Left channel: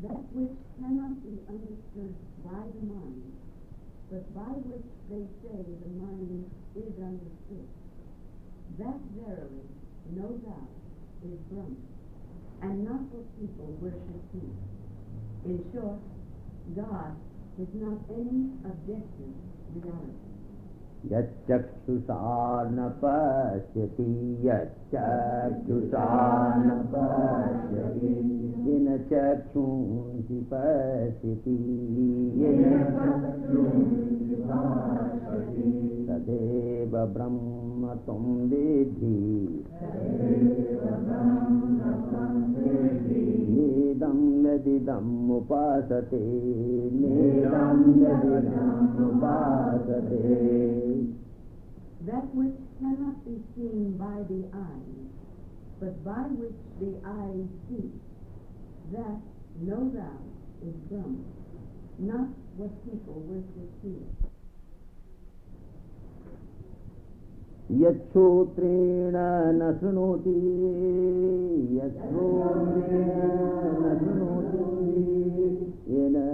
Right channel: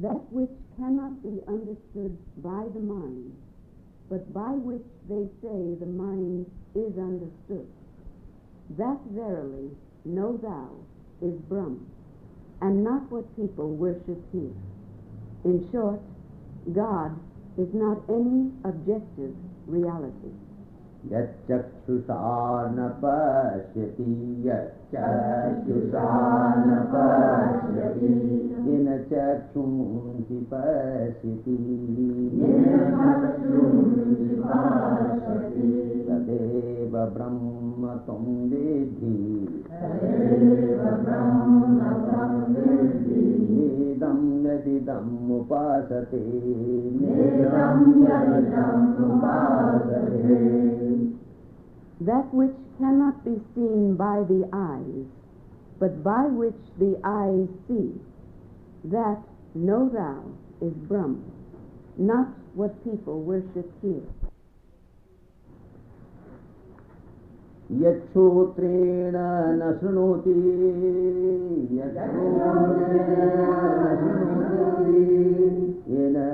That which cannot be understood by the mind, but by which they say the mind is understood, that verily, know thou, is Brahma, and not what people worship here. In short, God is not any objective reality. Yachakshusha na pashyati, yachakshusha na pashyati, yena chakshunsi pashyati, tadeva brahma tam vedhi, nedam yadidam upasate, That which cannot be seen by the eyes, but by which the eyes see, that, know thou, is Brahma, not what people worship here. Yachotrena na shrunoti, yena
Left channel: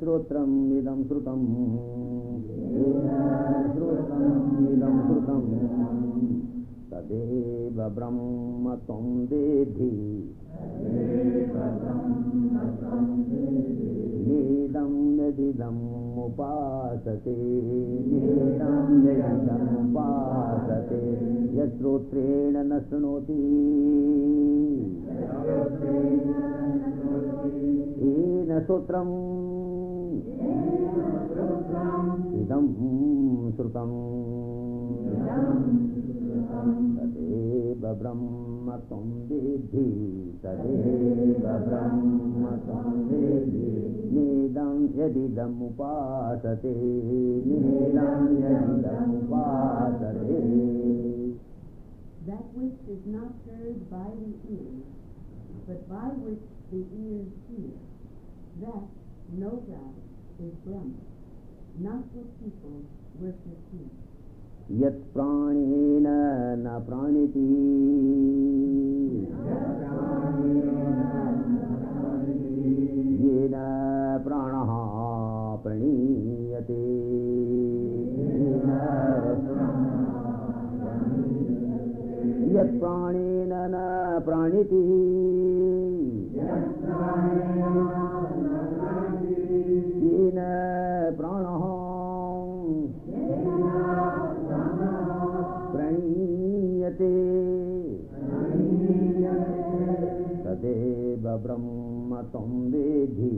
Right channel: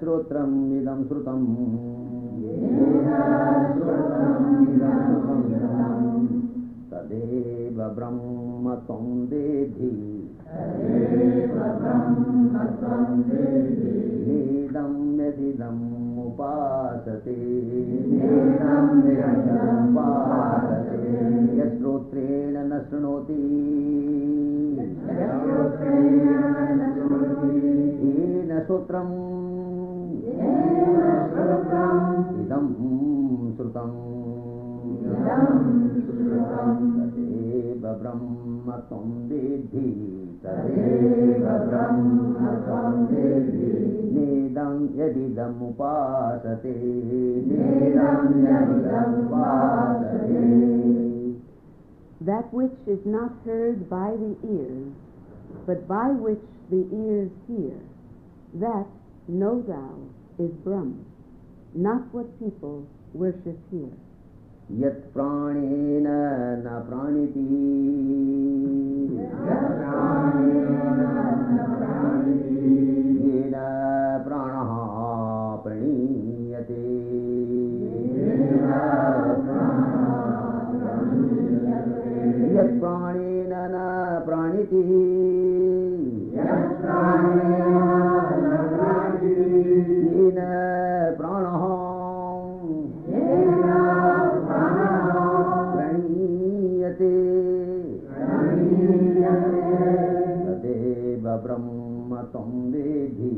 shrotram idam shrutam, tadeva brahma tam vedhi, idam yadidam upasate, yasrotrena na shrunoti, yena shrotram idam shrutam, tadeva brahma tam vedhi, nedam yadidam upasate, That which is not heard by the ears, but by which the ears hear, that, know thou, is Brahma, not what people worship here. Yat pranena na praniti, yena pranaha praniyate, yat pranena na praniti, yena pranaha tadeva brahma tam vedhi,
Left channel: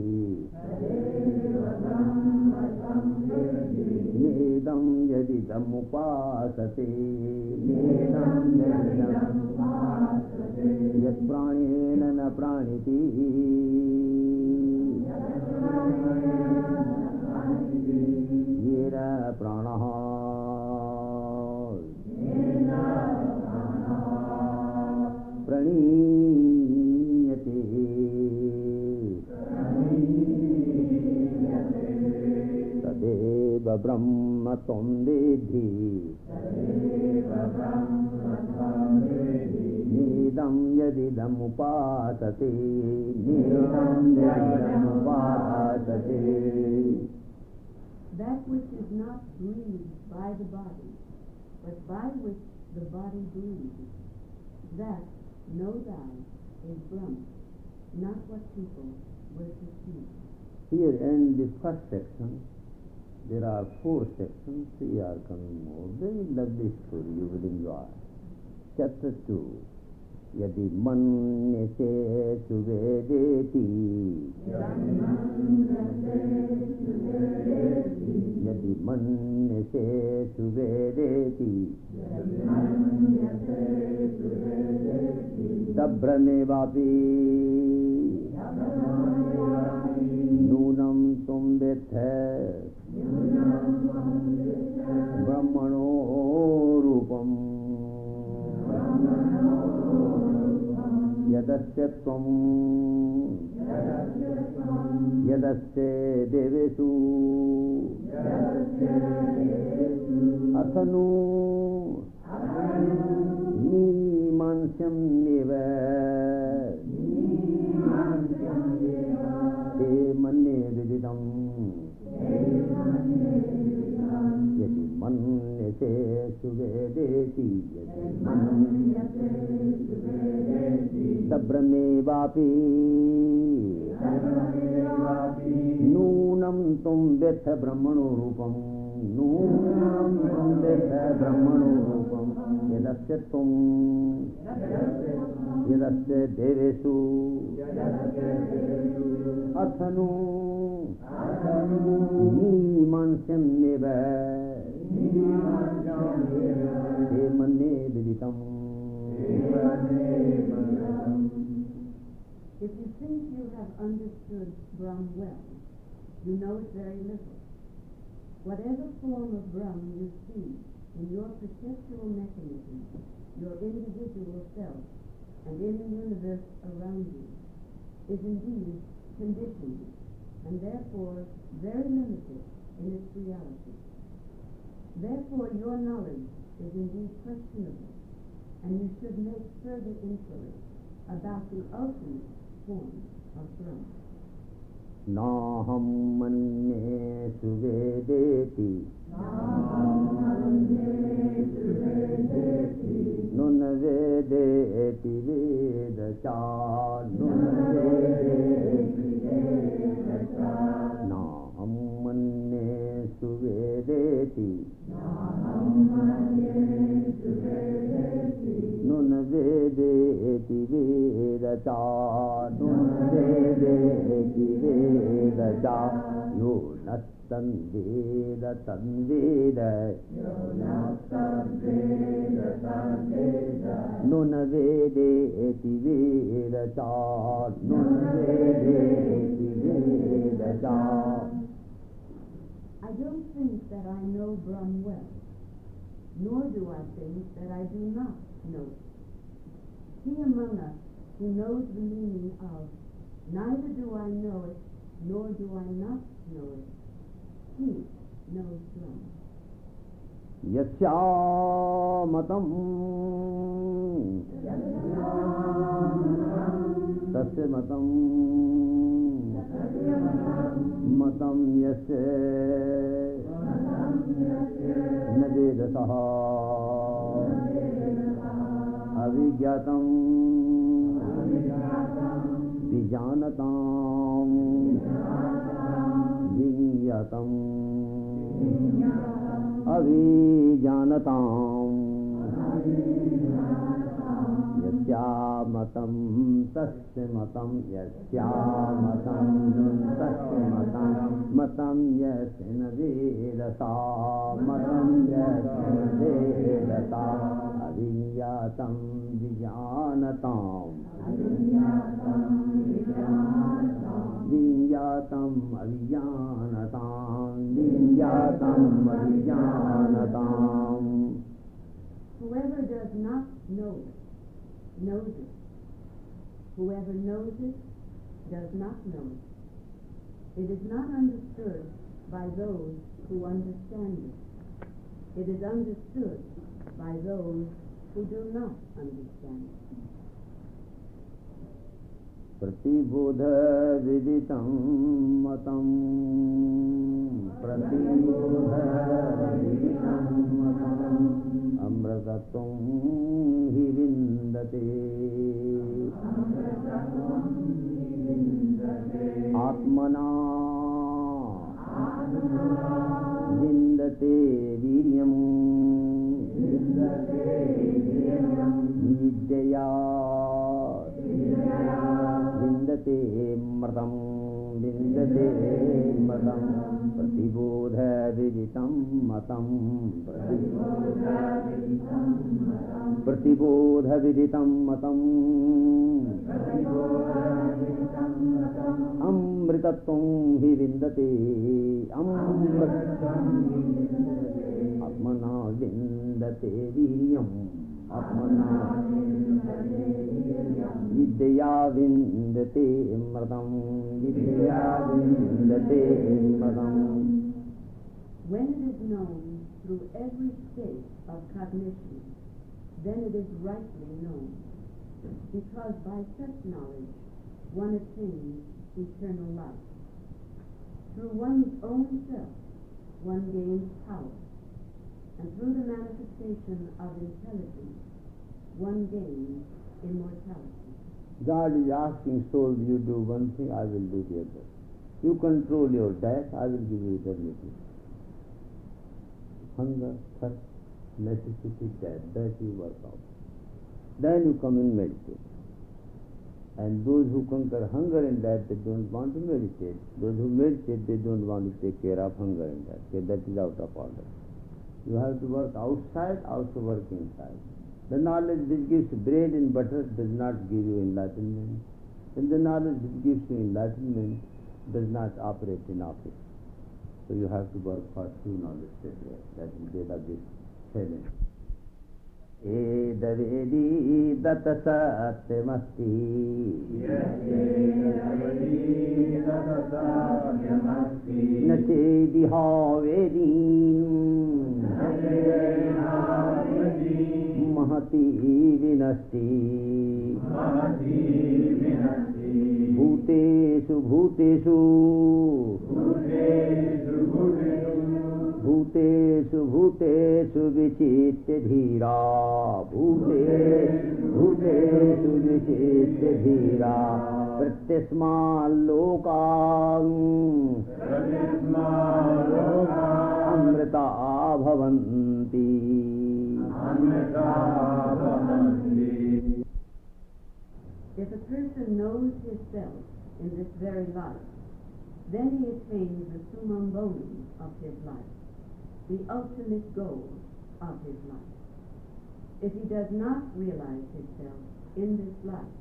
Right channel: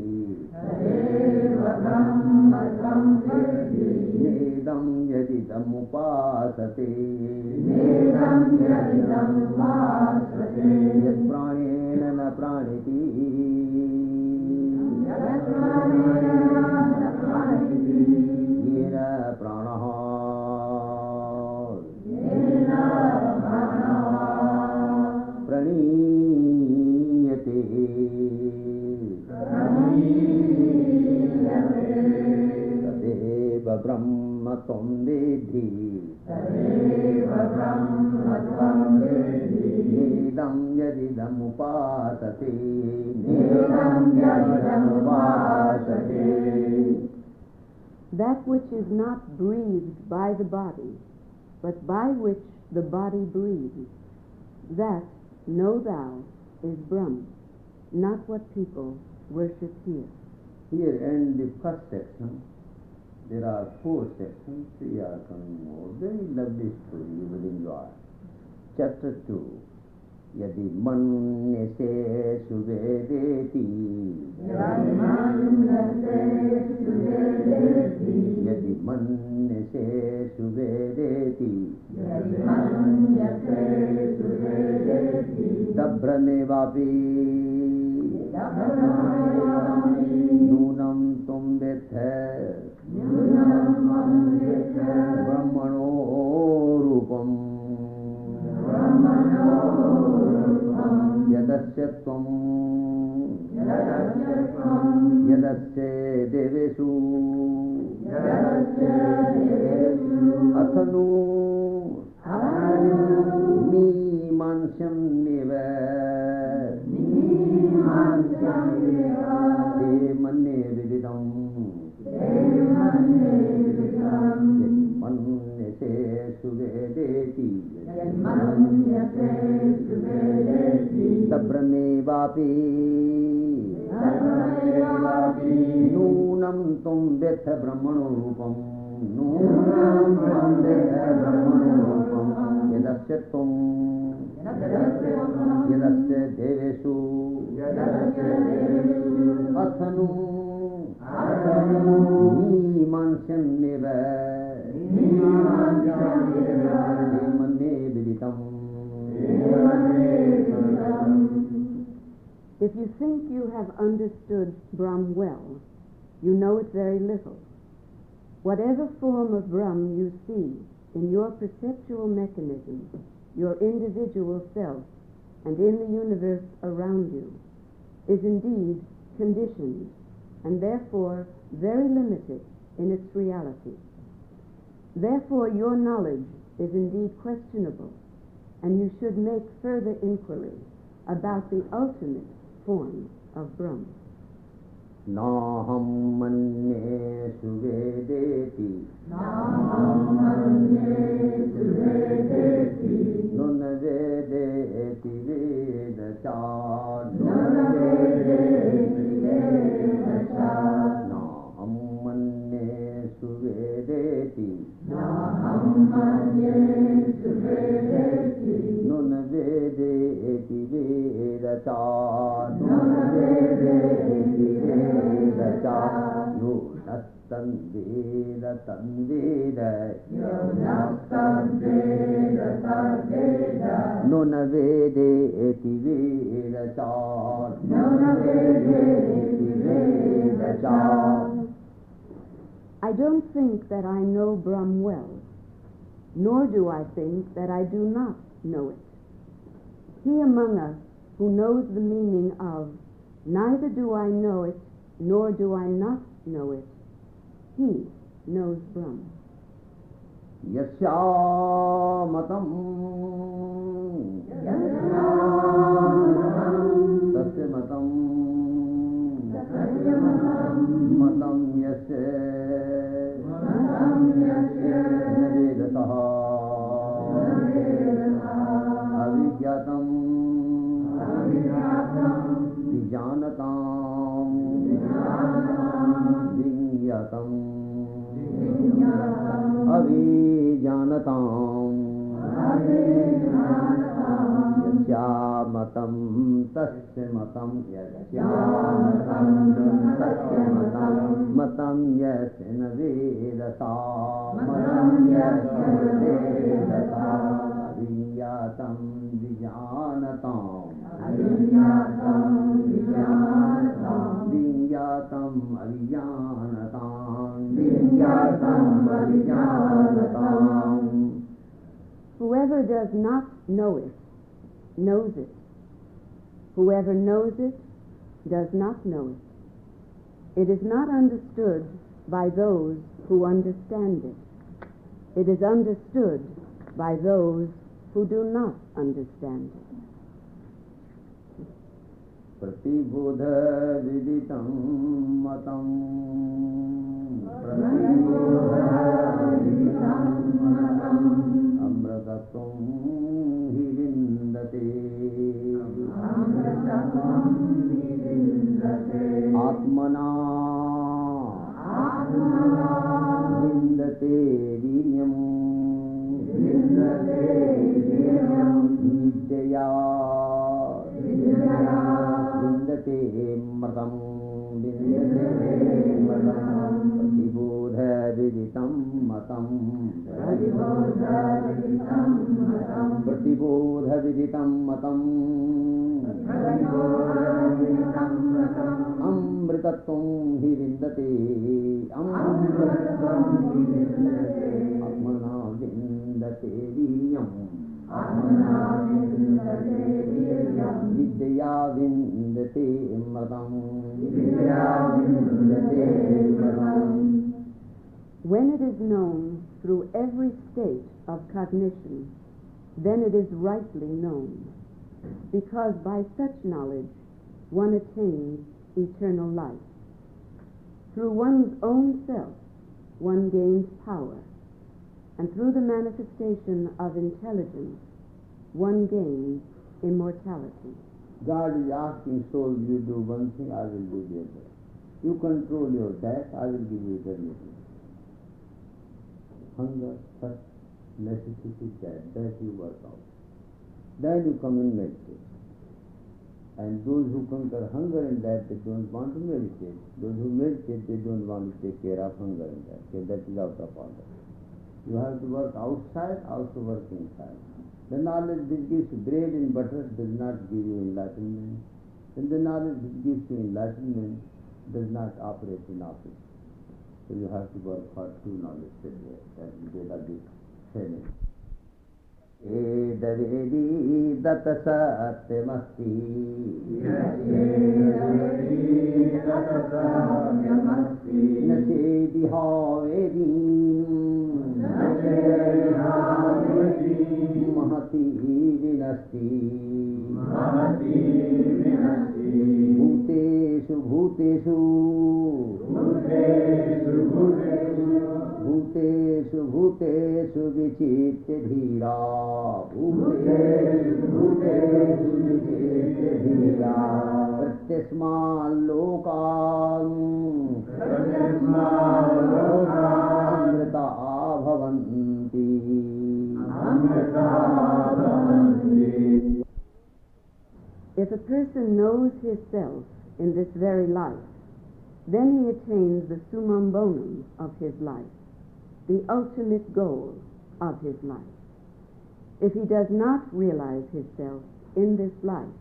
nedam yadidam upasate, yat pranena na praniti, yena pranaha praniyate, tadeva brahma tam vedhi, nedam yadidam upasate, That which is not breathed by the body, but by which the body breathes, that, know thou, is Brahma, not what people worship here. Here ends the first section. There are 4 sections, 3 are coming more. Very lovely story, you will enjoy. Chapter 2. Yadi manyase suvedeti, yadi manyase suvedeti, dabhramevapi nunam tum vedhe brahmano rupam, yadasya tvam yadasya devesu athanu mimansyam neva vapi nunam tum vetha brahmano rupam nunam tum vetha brahmano rupam yadasya tum yadasya devesu athanu nimansanneva demane viditam. If you think you have understood Brahm well, you know it very little. Whatever form of Brahm you see in your perceptual mechanism, your individual self, and in the universe around you, is indeed conditioned, and therefore very limited in its reality. Therefore your knowledge is indeed questionable, and you should make further inquiry about the ultimate form of Brahma. Naham manye suvedeti nuna vedeti vedacha Naham manye suvedeti nuna vedeti vedacha Nuna vede eti veda char I don't think that I know Brahm well, nor do I think that I do not know it. He among us who knows the meaning of neither do I know it, nor do I not know it, he knows Brahma. Yasya matam tasya matam matam yasya navedataha avijyatam vijanatam vinyatam avijanatam yasya matam tasya matam yasya matam tasya matam matam yasya navedata matam yasya navedata avijyatam vijanatam vinyatam avijanatam. Whoever does not know it, knows it. Whoever knows it, does not know it. It is not understood by those who understand it. It is understood by those who do not understand it. Pratibodha viditam matam amritatum hi vindate atmana vindate viryam vidyaya vindate mradam pratibodha viditam matam pratibodha viditam matam amritatum hi vindate atmana vindate viryam vidya vindate mradam When it is known through every state of cognition, then it is rightly known, because by such knowledge one attains eternal life. Through one's own self one gains power, and through the manifestation of intelligence one gains immortality. God is asking soul, you do one thing, I will do the other. You control your diet, I will give you everything. Hunger, thirst, necessity, that you work out. Then you come in meditate. And those who conquer hunger and that, they don't want to meditate. Those who meditate, they don't want to take care of hunger and that. So that is out of order. You have to work outside, also work inside. The knowledge which gives bread and butter does not give you enlightenment. And the knowledge which gives you enlightenment does not operate in office. So you have to work for two knowledge. That is Vedadic training. Edavedi data satyamasti Nachedi havedin Mahati vinasti Bhuteshu bhuteshu Bhuteshu bhuteshu vichitte dhira Bhuteshu bhuteshu vichitte dhira Pratyasma lokam Amrita bhavanti If a person knows his self in this very life, then he attains the summum bonum of his life, the ultimate goal of his life. If he does not realize his self in this life,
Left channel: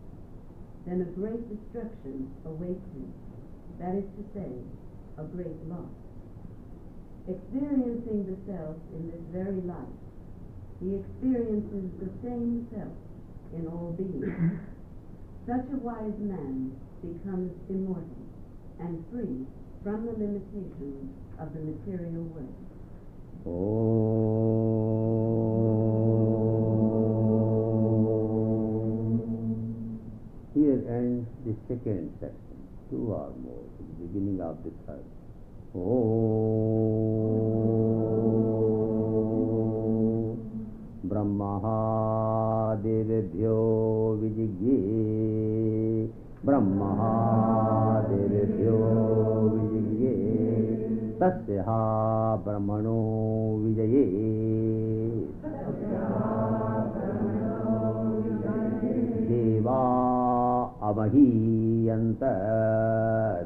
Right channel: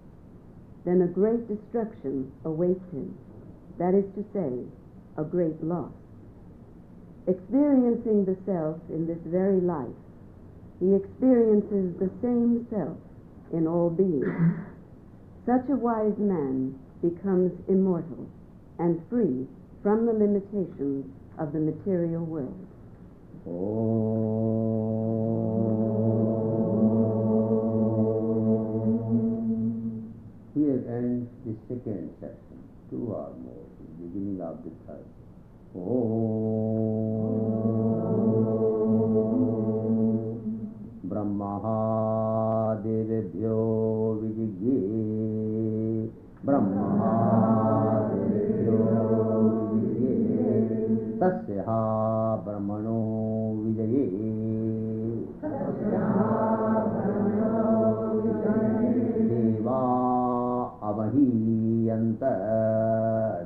then a great destruction awaits him, that is to say, a great loss. Experiencing the self in this very life, he experiences the same self in all beings. Such a wise man becomes immortal and free from the limitations of the material world. Here ends the second section, two or more, the beginning of the third. Brahma devebhyo vijigye Brahma devebhyo vijigye Tasya brahmano vijaye Deva avahiyanta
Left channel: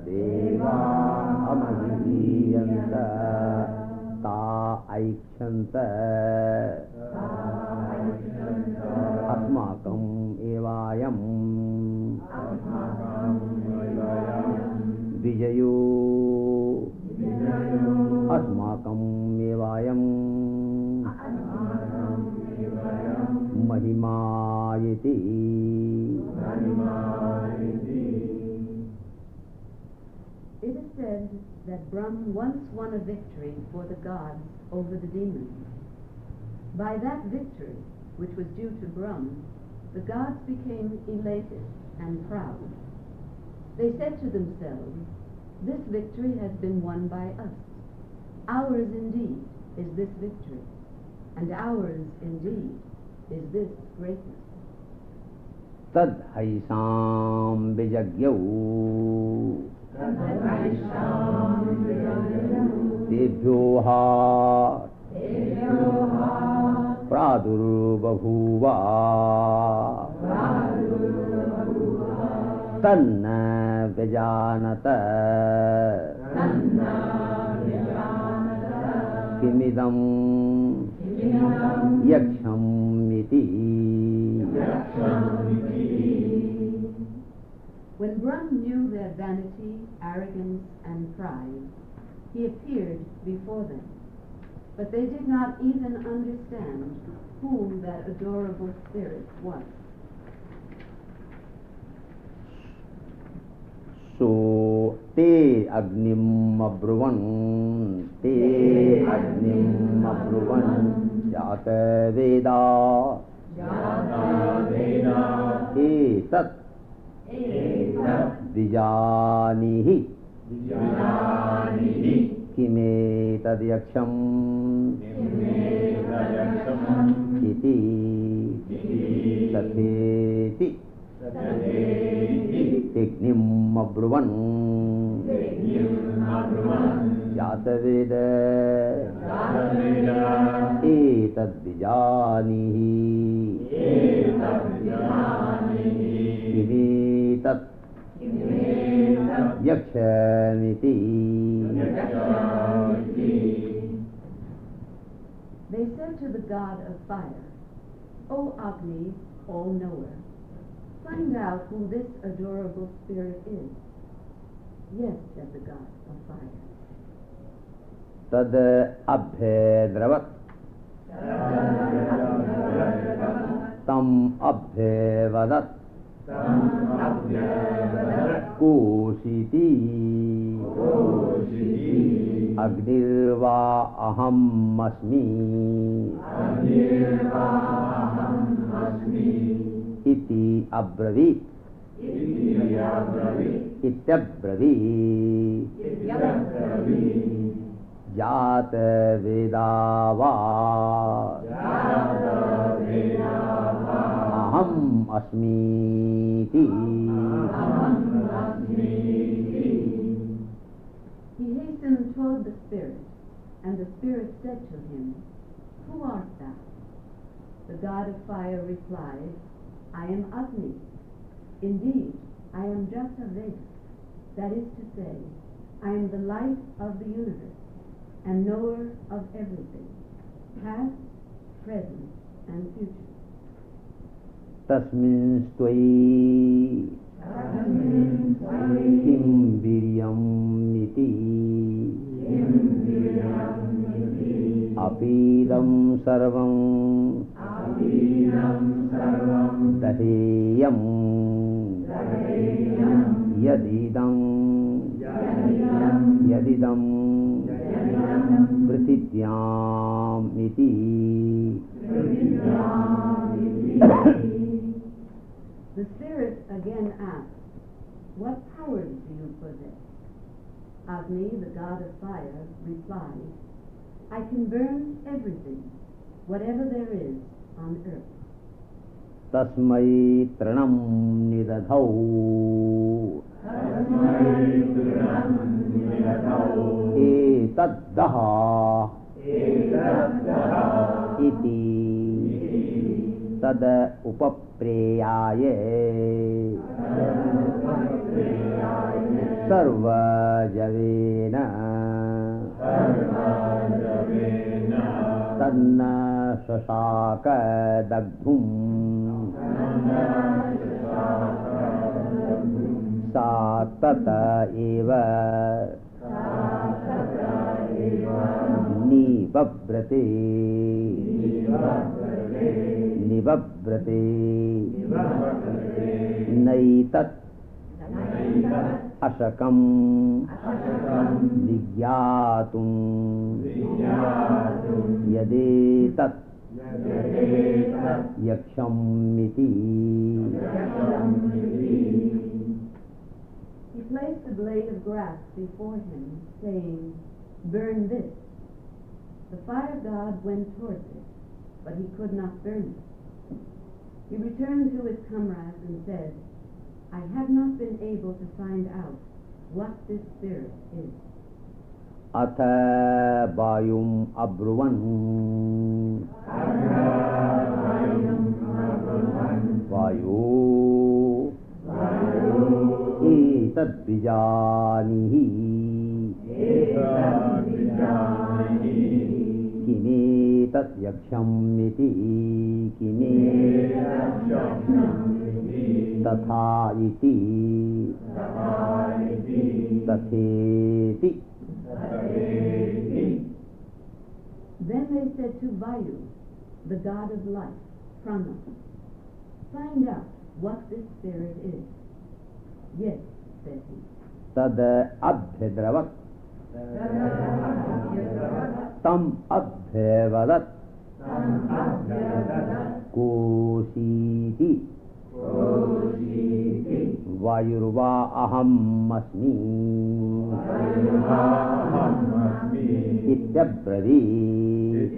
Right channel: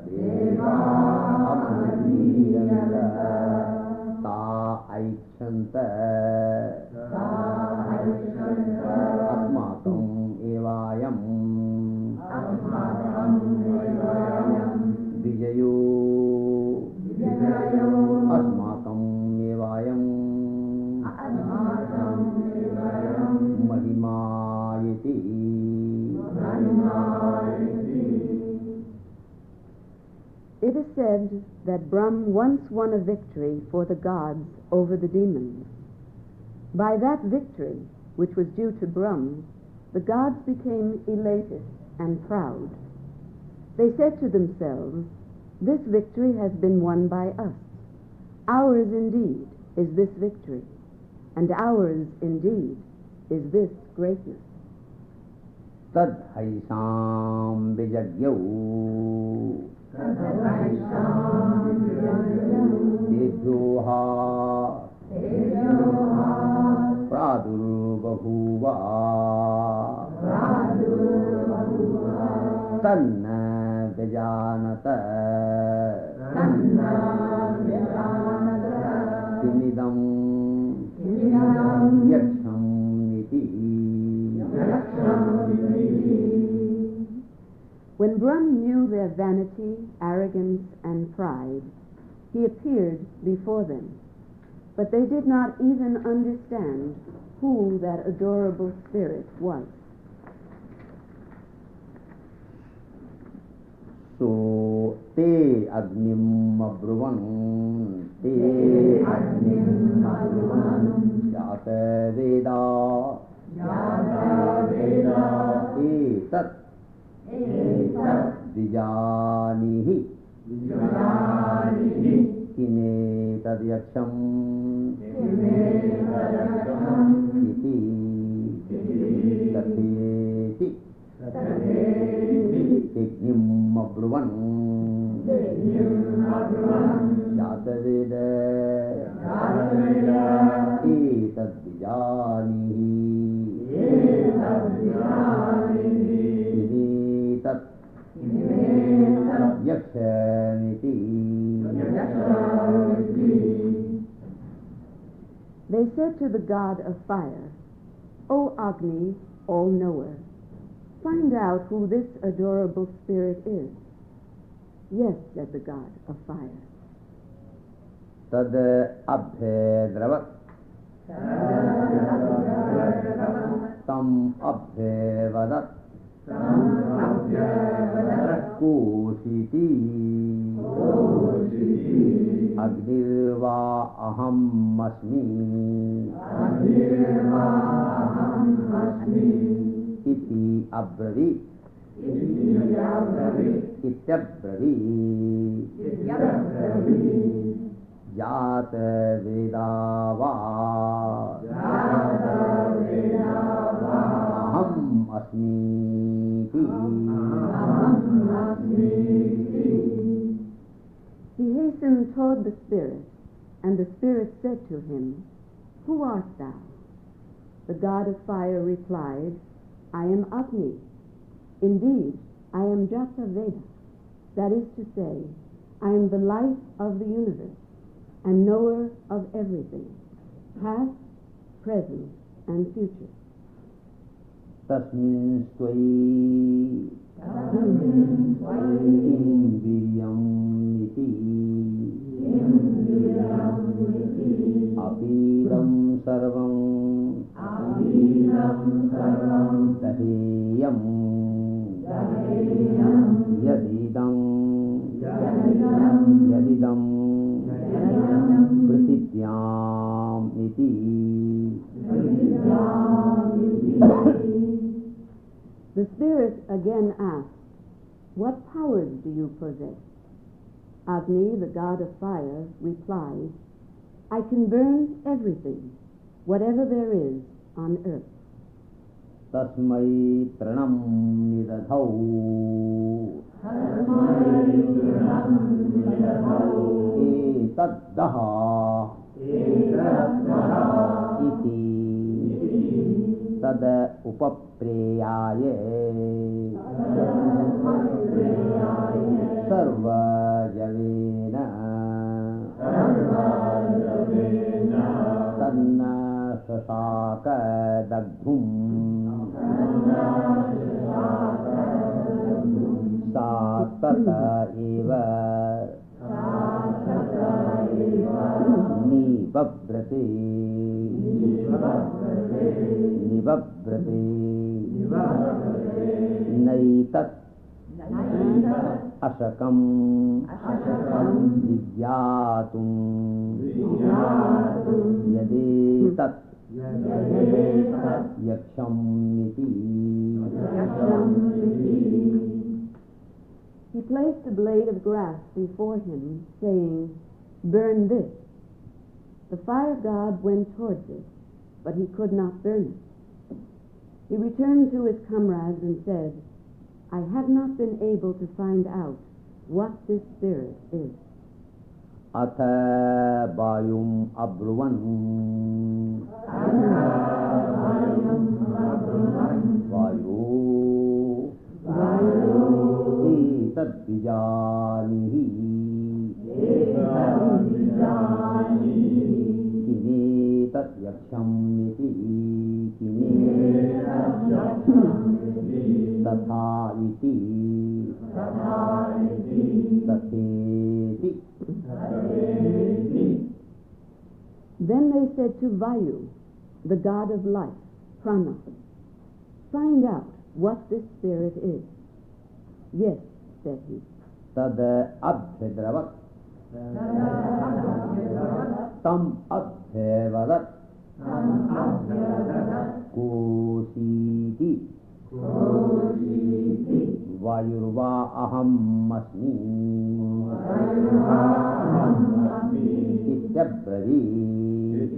Deva avahiyanta Ta aichanta Asmakam evayam Vijayo Asmakam evayam Mahimayati. It is said that Brahm once won a victory for the gods over the demons. By that victory, which was due to Brahm, the gods became elated and proud. They said to themselves, "This victory has been won by us. Ours indeed is this victory, and ours indeed is this greatness." Tad haisam vijagyo Debhyoha Pradurvabhuva Tanna Vijanata Kimidam Yaksham iti. When Brahm knew their vanity, arrogance, and pride, he appeared before them. But they did not even understand who that adorable spirit was. So te agnim abruvan yata veda etat vijanihi kime tadyaksham iti tatheti to the god of fire, O Agni, all-knower, find out who this adorable spirit is. Yes, said the god of fire. Tad abhedravat tam abhevadat Koshiti Agnirva aham asmi Iti abravit Ityabravit Jat vedava Aham asmiti. He hastened toward the spirit, and the spirit said to him, Who art thou? The god of fire replied, I am Agni. Indeed, I am Jata Veda. That is to say, I am the life of the universe, and knower of everything, past, present, and future. Tasmin stvai kim viryam iti apidam sarvam daheyam yadidam prasidyam iti. The spirit again asked, What powers do you possess? Agni, the god of fire, replied, I can burn everything, whatever there is on earth. Tasmai tranam nidadhau etaddaha iti tad upapreyaye sarva javena tanna sasaka daghum satata eva nivabrate naitat ashakam vigyatum yadetat yaksham iti. He placed a blade of grass before him, saying, Burn this. The fire god went towards it, but he could not burn it. He returned to his comrades and said, I have not been able to find out what this spirit is. Atha vayum abruvan vayu etad bijanihi kini tat yaksham iti kini tatha iti tatheti. Then they said to Vayu, the god of life, Prana, find out what this spirit is. Yes, said he. Tad abhedravat tam abhevadat koshiti vayurva aham asmi ityabravit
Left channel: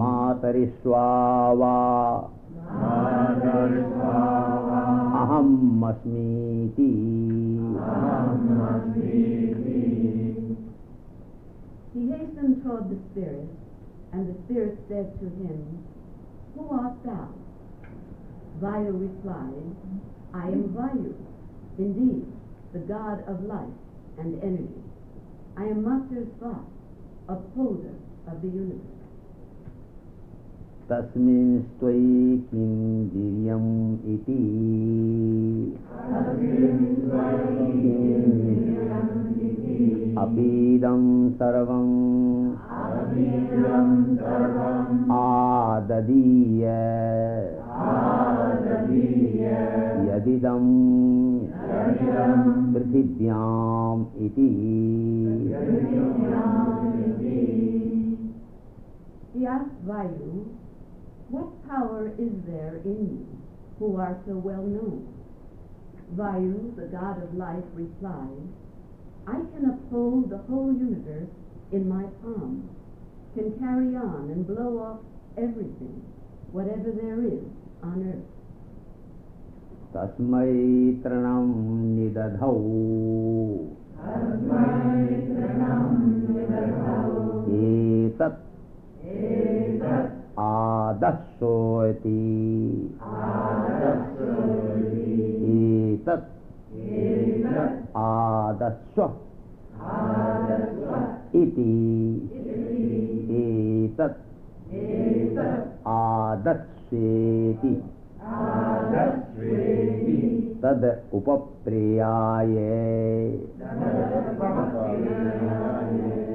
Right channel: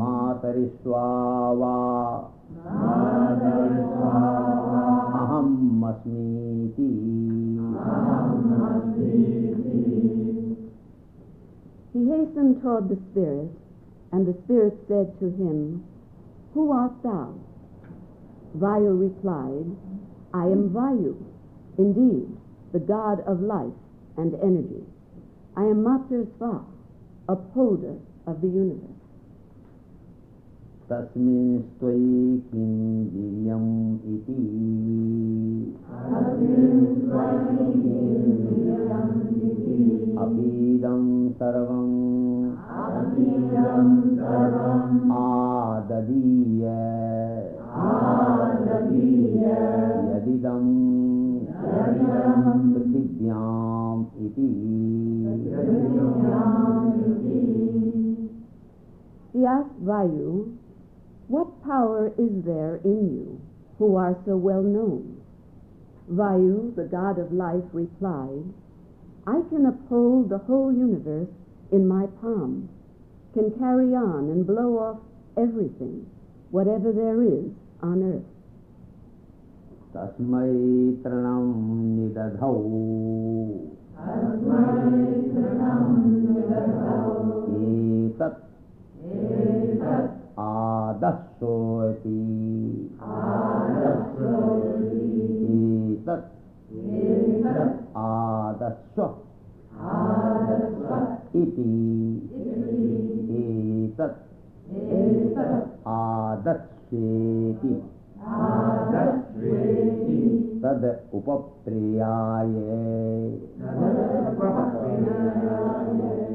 matarishvava aham asmiti. He hastened toward the spirit, and the spirit said to him, Who art thou? Vayu replied, I am Vayu, indeed, the god of life and energy. I am Mater Sva, upholder of the universe. Tasmin stvai kindiriyam iti. Abidam sarvam adadiya yadidam prithibhyam iti. He asked Vayu, "What power is there in you, who are so well known?" Vayu, the god of life, replied, "I can uphold the whole universe in my palm, can carry on and blow off everything, whatever there is on earth." Tasmai tranam nidadhau etat adassoiti etat adasso iti etat adasseti tad upapriyaye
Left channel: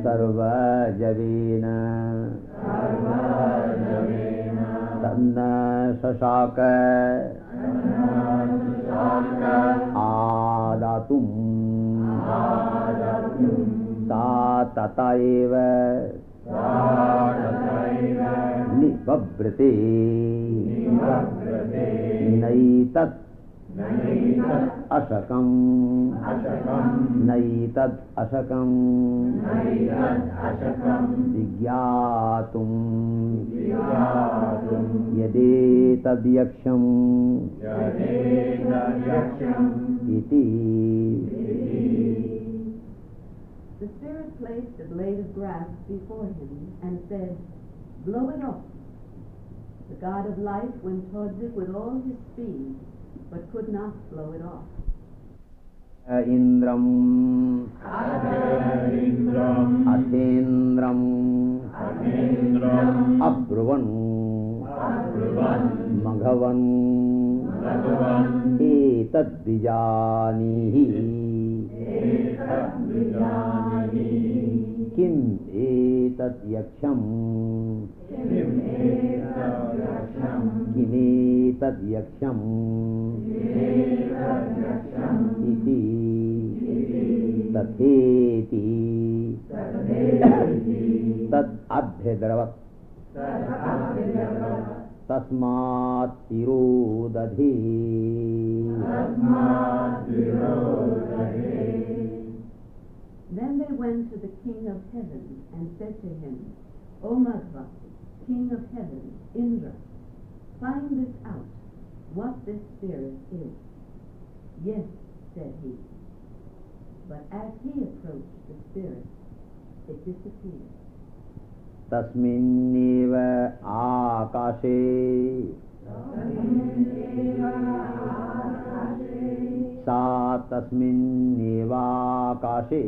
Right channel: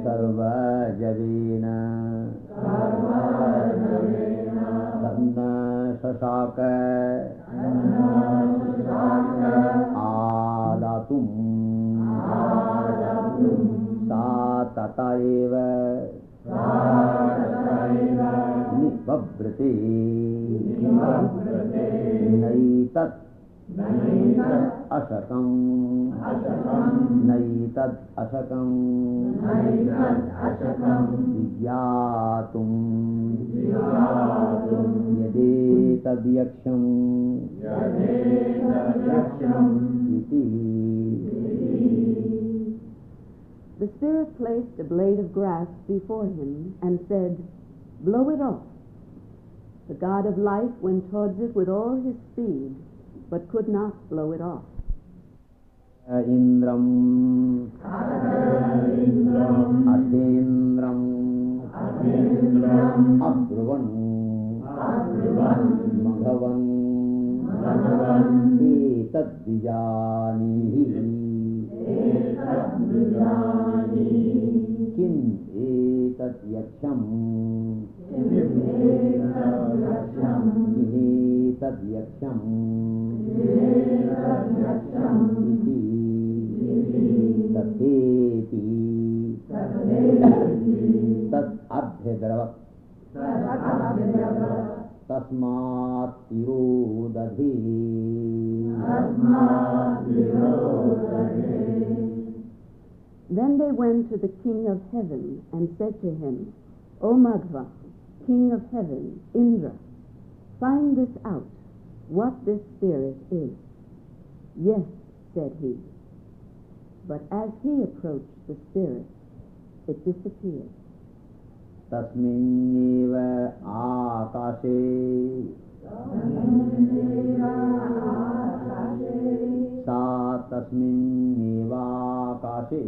sarva javena tanna sasaka adatum sa tataiva nivabrate naitat asakam naitat asakam vigyatum yade tadyaksham iti. The spirit placed a blade of grass before him and said, "Blow it off." The god of life went towards it with all his speed, but could not blow it off. Indram Athindram Abruvan Maghavan Etat Vijanihi Kim Etat Yaksham Kinetat Yaksham iti tatheti tat abhyadravat tasmat tirodadhi. Then they went to the king of heaven and said to him, "O Madhva, king of heaven, Indra, find this out, what this spirit is." "Yes," said he. But as he approached the spirit, it disappeared. Tasminneva akashe sa tasminneva akashe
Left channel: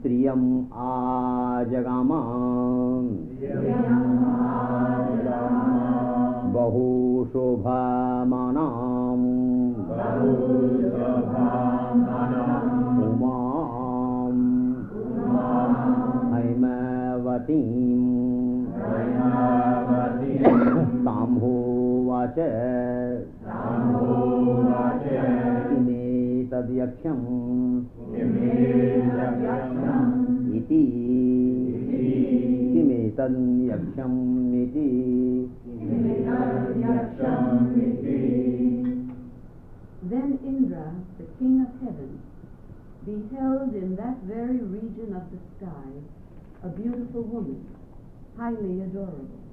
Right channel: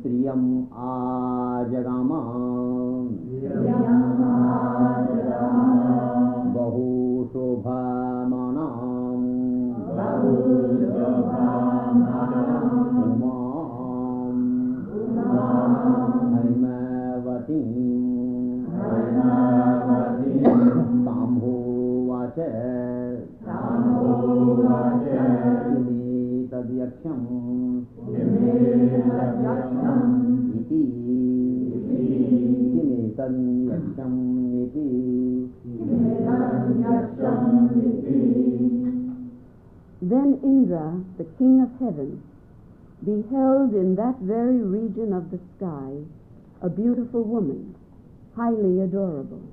striyam ajagama bahu shobhamanam umam haimavatim tamhovacha ine tadyaksham iti kimetan yaksham iti. Then Indra, the king of heaven, beheld in that very region of the sky a beautiful woman, highly adorable.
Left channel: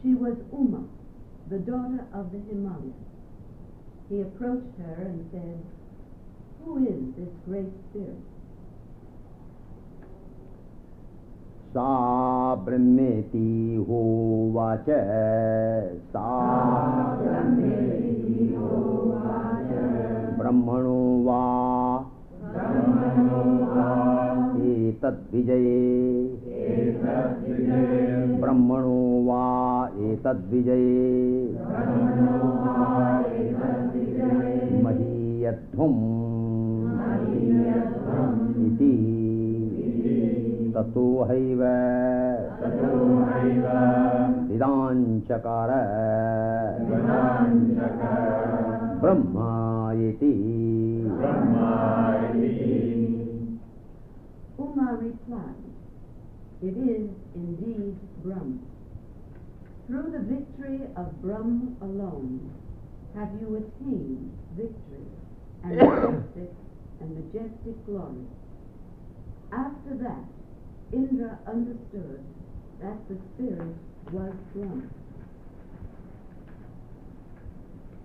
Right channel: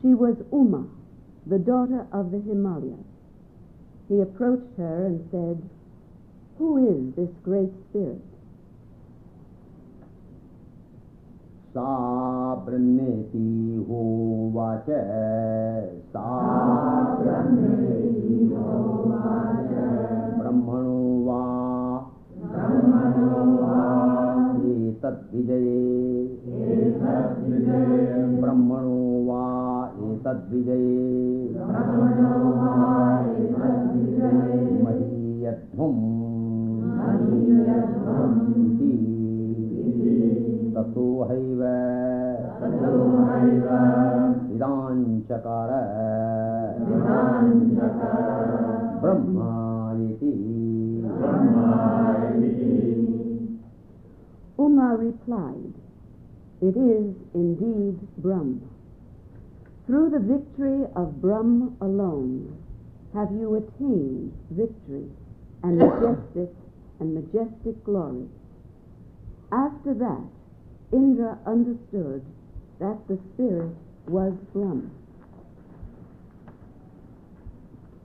She was Uma, the daughter of the Himalayas. He approached her and said, "Who is this great spirit?" Sa brahmeti hovacha sa brahmano va etat etadvijaye brahmano va etadvijaye mahiyadhvam iti tato haiva vidanchakara brahma iti. Uma replied, "It is indeed Brahm. Through the victory of Brahm alone have you attained victory and majestic glory." After that, Indra understood that the spirit was Brahm.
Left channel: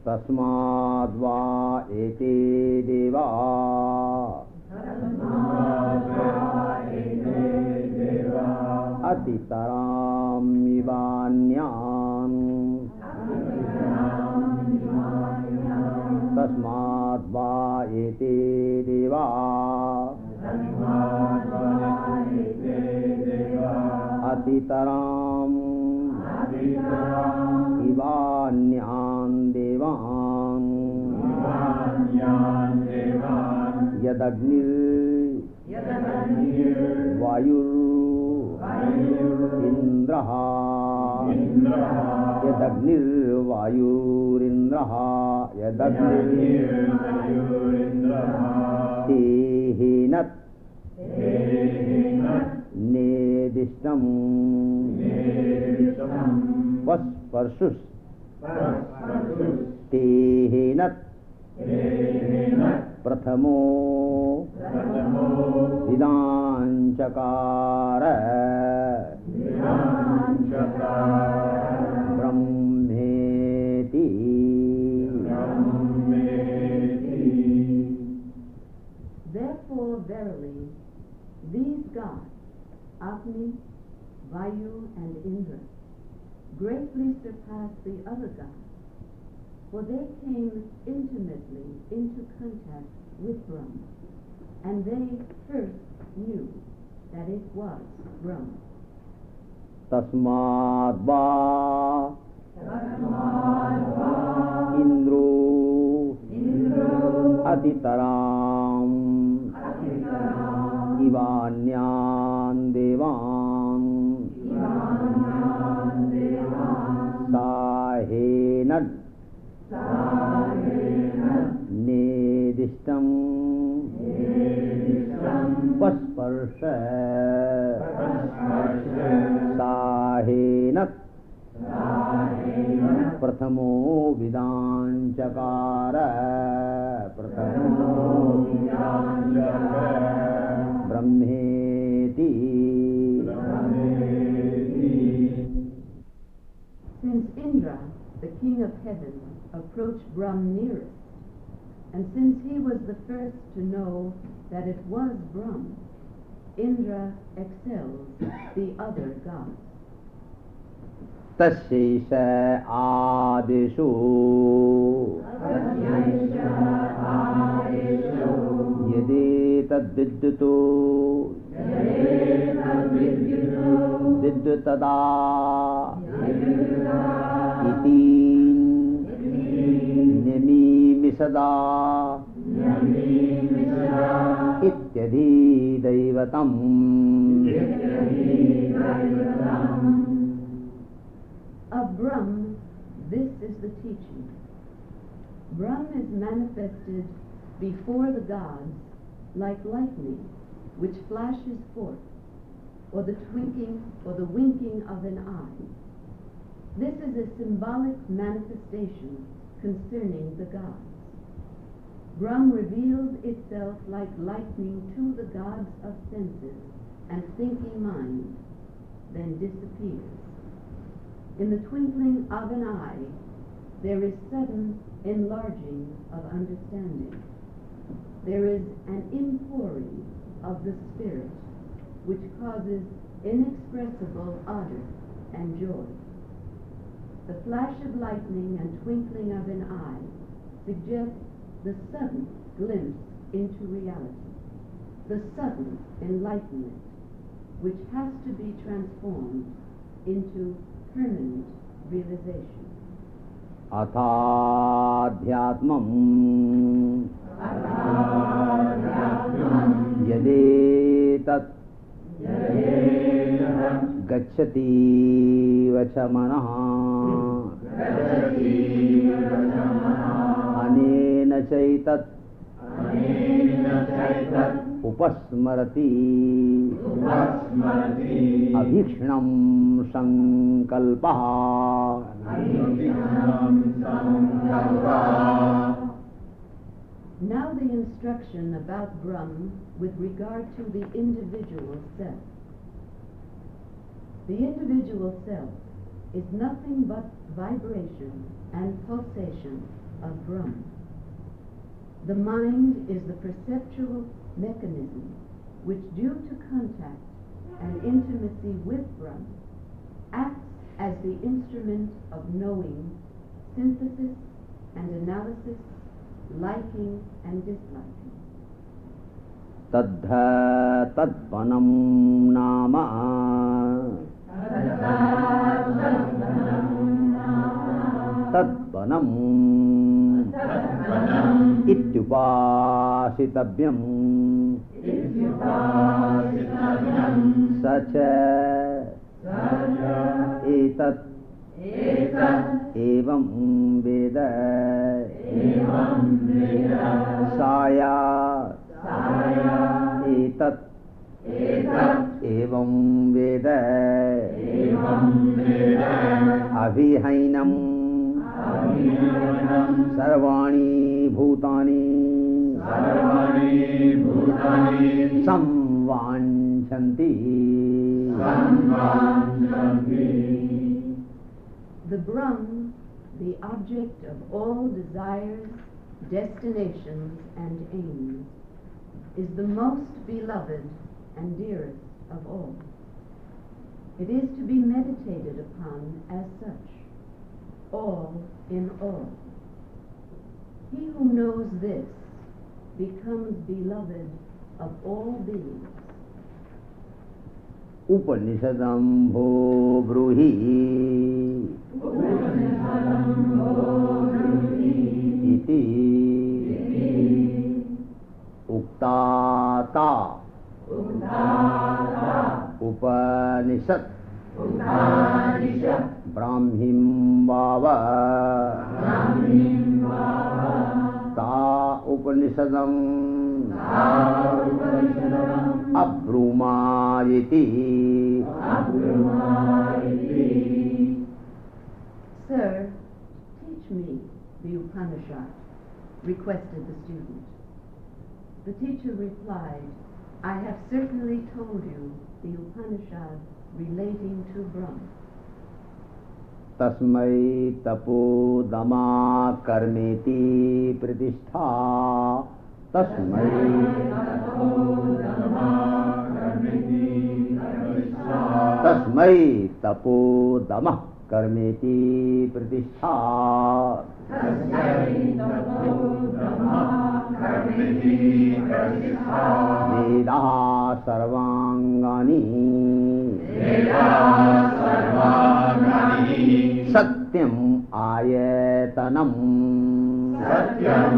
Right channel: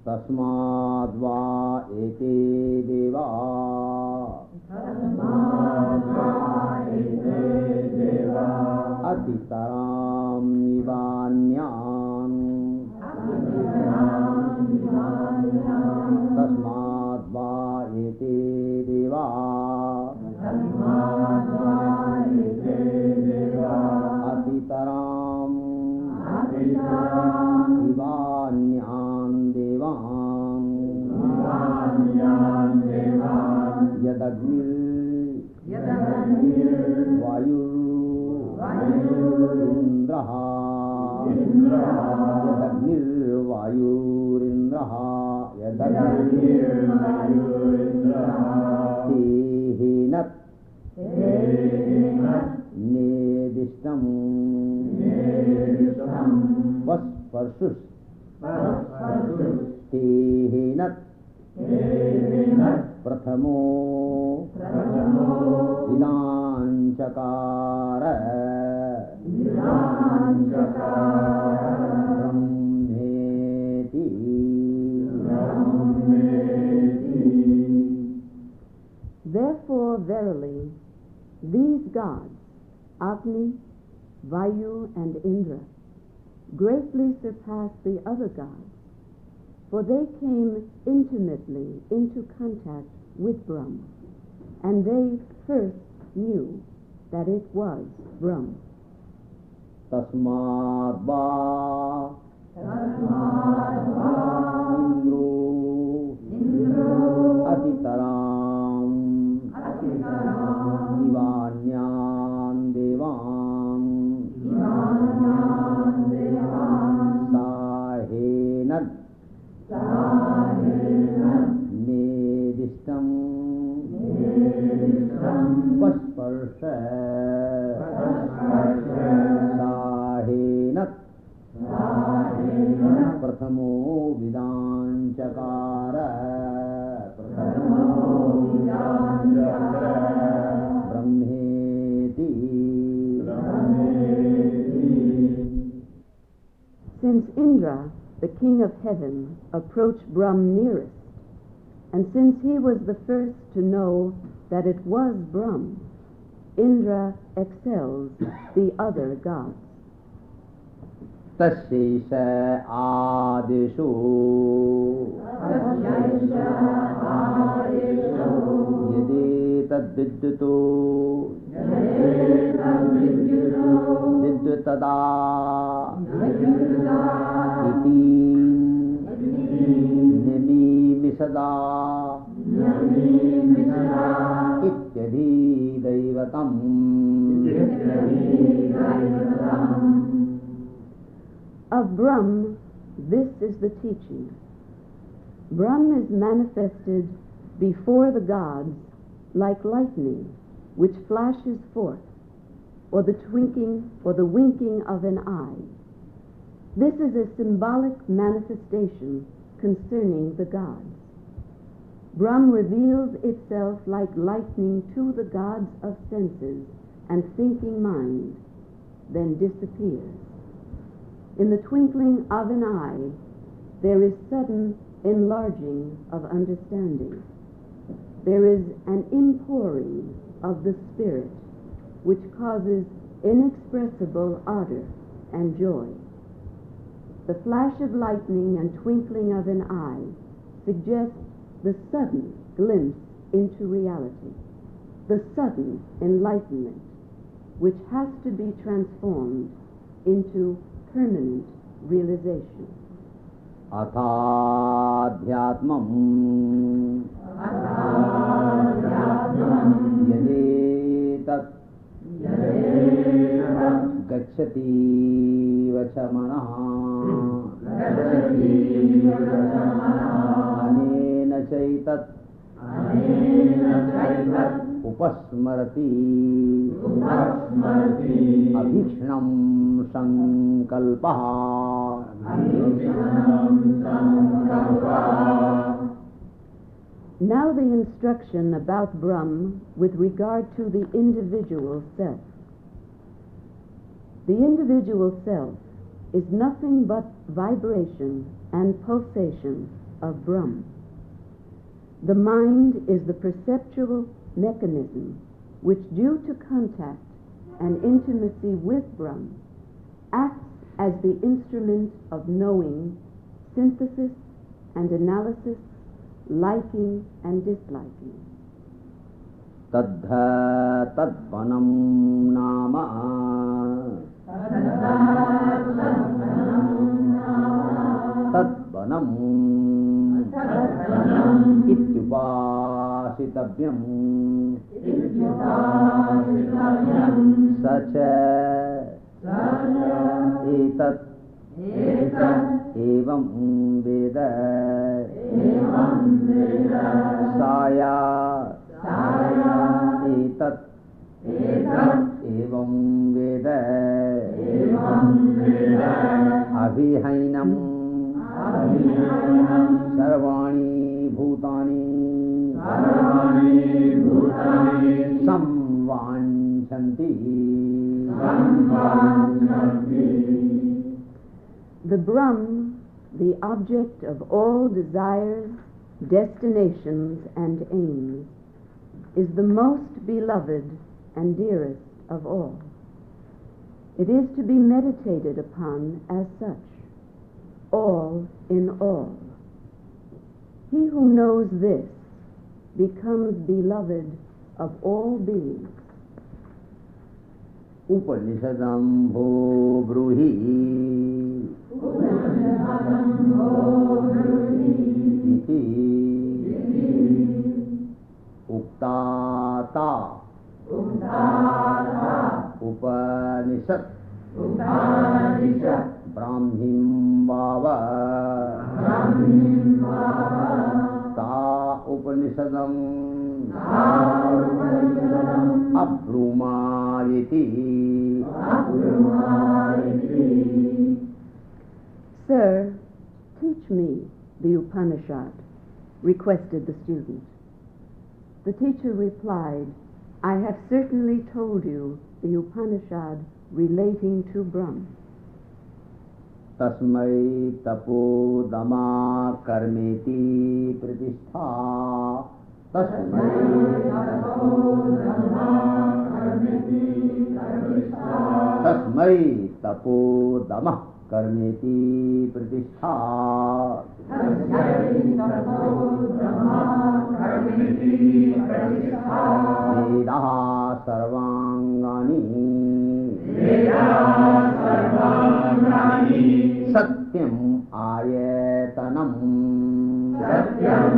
Tasmad va ete deva atitaram nivanyam tasmad va ete deva atitaram nivanyam devam yadagnir vayur indraha yadagnir vayur indraha yadagnir tehinat nedishtam vasparshus tehinat prathamo vidanchakara brahmeti. Therefore, verily, these gods, Agni, Vayu, and Indra, greatly surpass the other gods, for they came intimately into contact with Brahm, and they first knew that it was Brahm. Tasmad va Indro atitaram ivanyam devam sahenad nedishtam vasparsha sahenat prathamo vidanchakara brahmeti. Since Indra, the king of heaven, approached Brahm nearest, and since he was the first to know that it was Brahm, Indra excels the other gods. Tasyaisha adesho yadi tadvidyuto vidyutada iti nemi misada ityadhi daivatam. Of Brahm, this is the teaching. Brahm is manifested before the gods like lightning, which flashes forth, or the winking of an eye. This is a symbolic manifestation concerning the gods. Brahm reveals itself like lightning to the gods of senses and thinking minds, then disappears. In the twinkling of an eye, there is sudden enlarging of understanding. There is an inpouring of the Spirit, which causes inexpressible ardor and joy. The flash of lightning and twinkling of an eye suggests the sudden glimpse into reality, the sudden enlightenment which has to be transformed into permanent realization. Athadhyatmam yadetat gacchati vachamanaha anena chaitat upasmarati abhikshnam sankalpaha. Now the instruction about Brahm with regard to the individual self. The individual self is nothing but vibration and pulsation of Brahm. The mind is the perceptual mechanism which, due to contact and intimacy with Brahm, acts as the instrument of knowing, synthesis and analysis, liking and disliking. Tadha tadvanam nama tadvanam ityupasitavyam sacha etat evam veda saya etat evam veda abhihainam sarvani bhutani samvanchanti. The Brahm, the object of all desires, destinations, and aims, is the most beloved and dearest of all. It is to be meditated upon as such, all in all. He who knows this becomes beloved of all beings. Upanishadam bho bruhi iti uktata Upanishad Brahmim bhava ta Upanishadam abrumayati. Sir, teach me the Upanishad, requested the student. The teacher replied, I have certainly told you the Upanishad relating to Brahm. Tasmai tapo dama karmeti pratishtha. Tasmai tapo dama karmeti pratishtha. Veda sarvangani satyam ayatanam satyam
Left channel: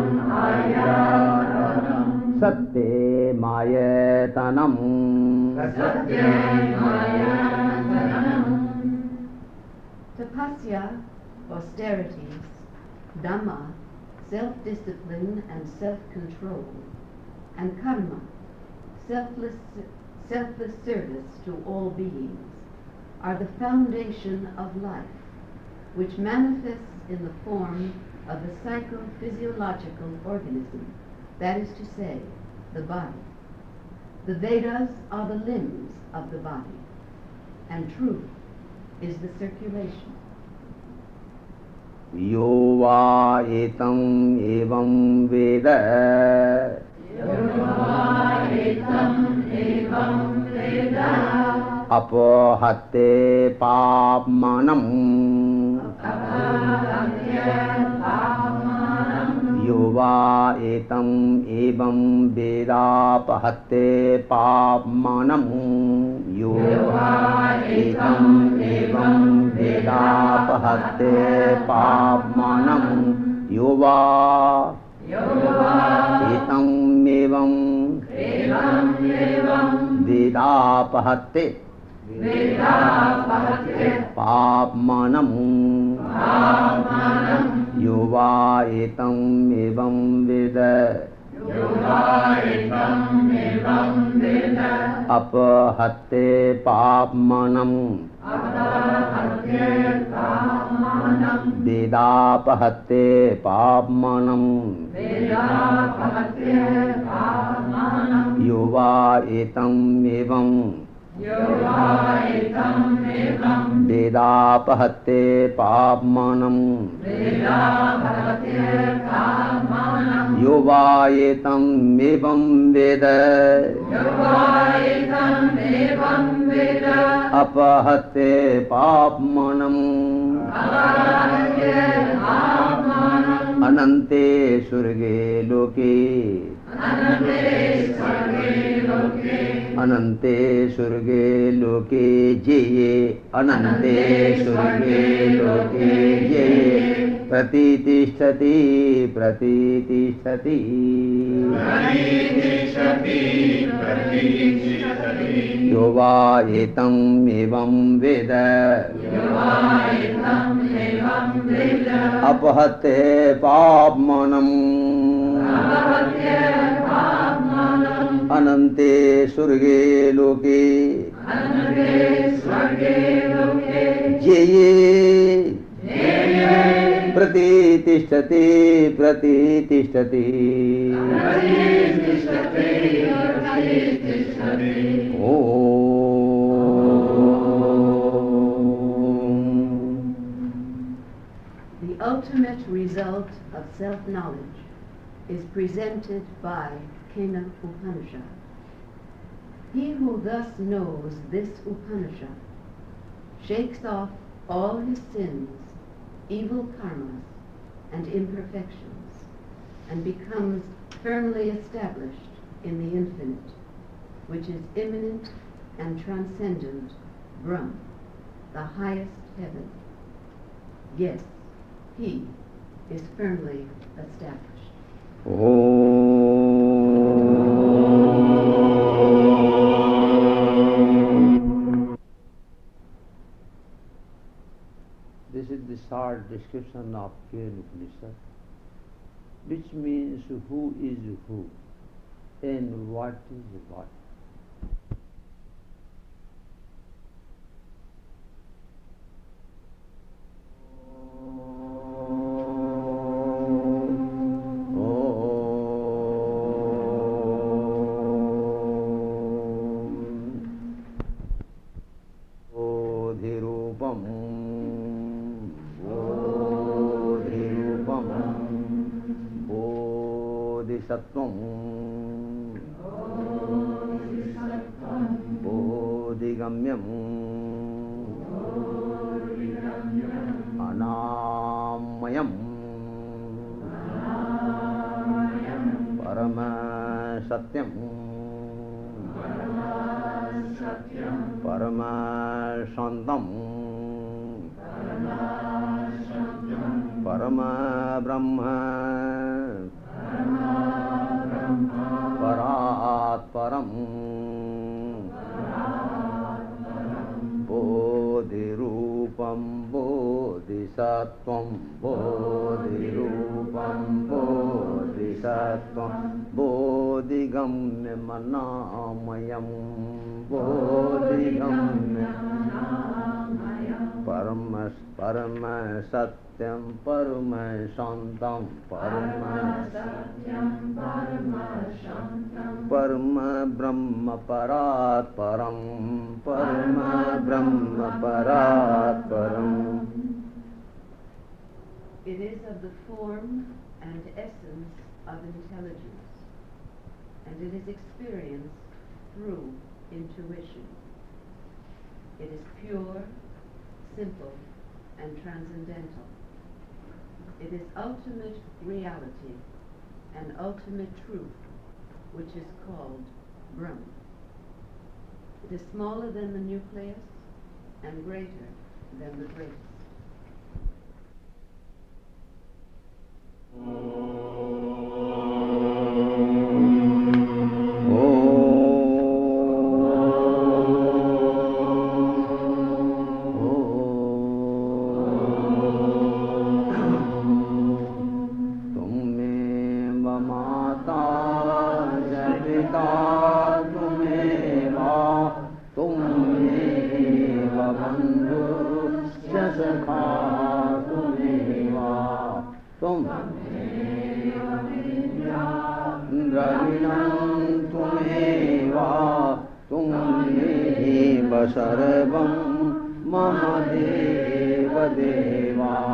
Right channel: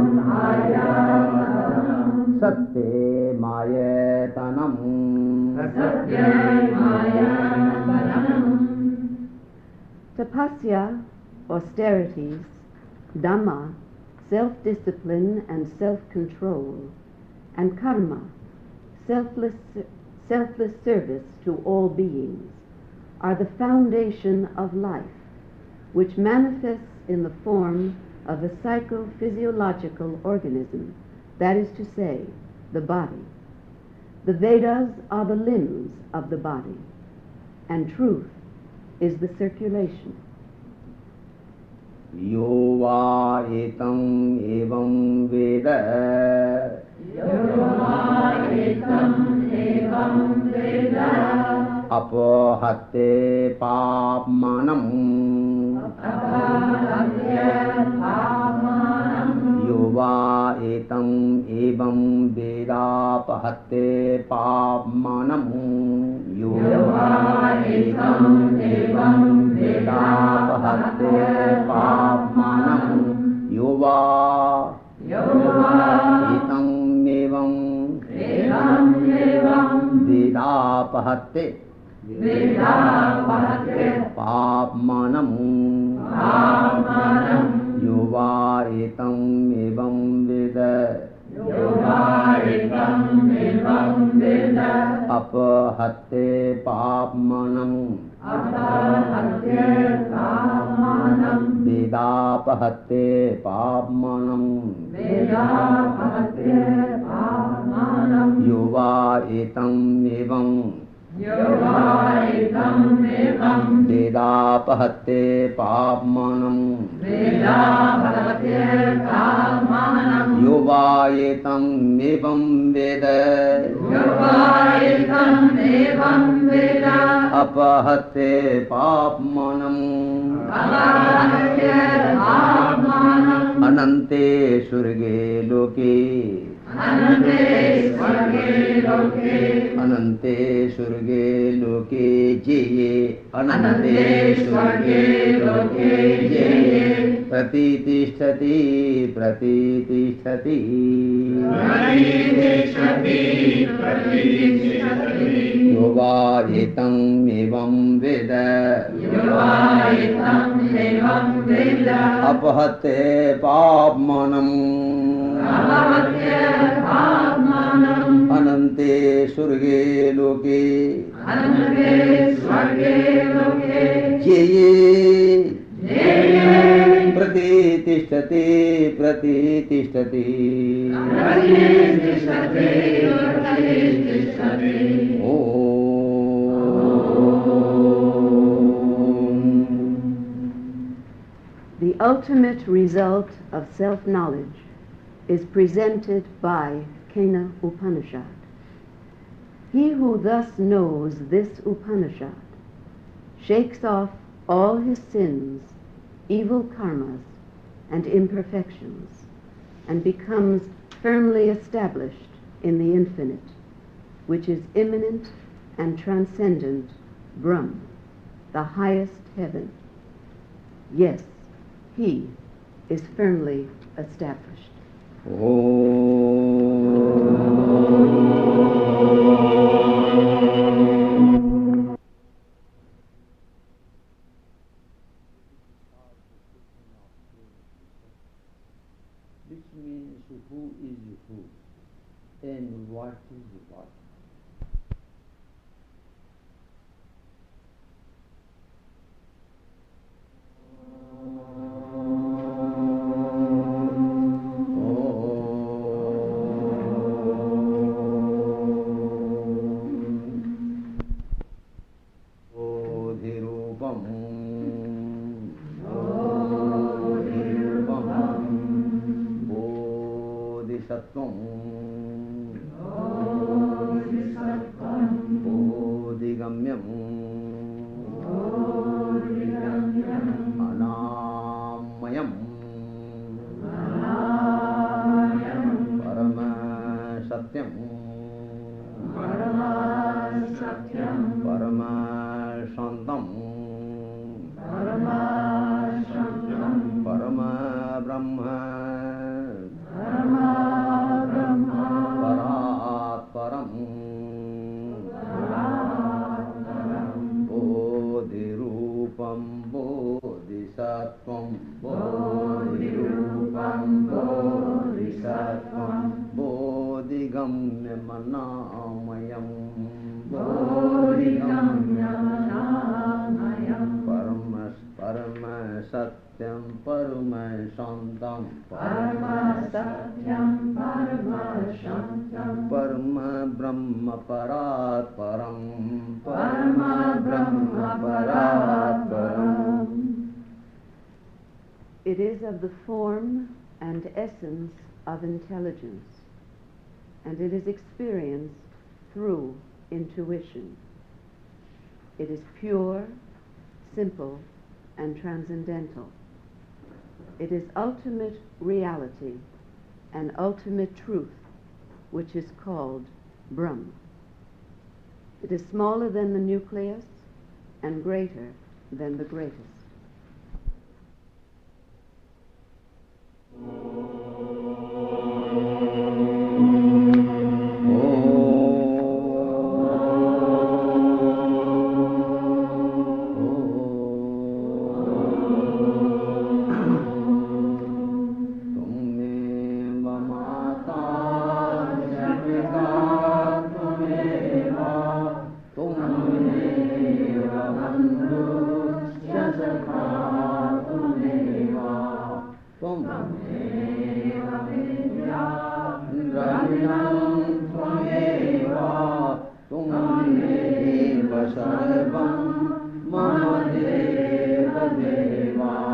ayatanam. Tapasya, austerities, Dhamma, self-discipline and self-control, and karma, selfless service to all beings, are the foundation of life, which manifests in the form of a psychophysiological organism, that is to say, the body. The Vedas are the limbs of the body, and truth is the circulation. Yo va etam evam veda apohatte papmanam यो वा एतम् एवं वेदापहत्ते पाप्मानम् यो वा एतम् एवं वेदापहत्ते पाप्मानम् यो वा एतम् एवं वेदापहत्ते पाप्मानम् यो वा एतम् एवं वेद अपहत्ते पाप्मानम् वेदापहत्ते पाप्मानम् यो वा एतम् एवं वेदापहत्ते पाप्मानम् यो वा एतम् एवं वेद अपहत्ते पाप्मानम् अनन्ते स्वर्गे लोके अनन्ते स्वर्गे लोके जये अनन्ते स्वर्गे लोके जये प्रतितिष्ठति प्रतितिष्ठति यो वा एतम् एवं वेद अपहत्ते पाप्मानम् अनन्ते स्वर्गे लोके जये प्रतितिष्ठति प्रतितिष्ठति The ultimate result of self-knowledge is presented by Kena Upanishad. He who thus knows this Upanishad shakes off all his sins, evil karmas, and imperfections, and becomes firmly established in the infinite, which is immanent and transcendent Brahm, the highest heaven. Yes, he is firmly established. This is the short description of Kena Upanishad, which means who is who and what is what. It is of the form and essence of intelligence, and it is experienced through intuition. It is pure, simple, and transcendental. It is ultimate reality an ultimate truth, which is called Brahman. It is smaller than the nucleus and greater than the greatest. सर्वं मम देव देवा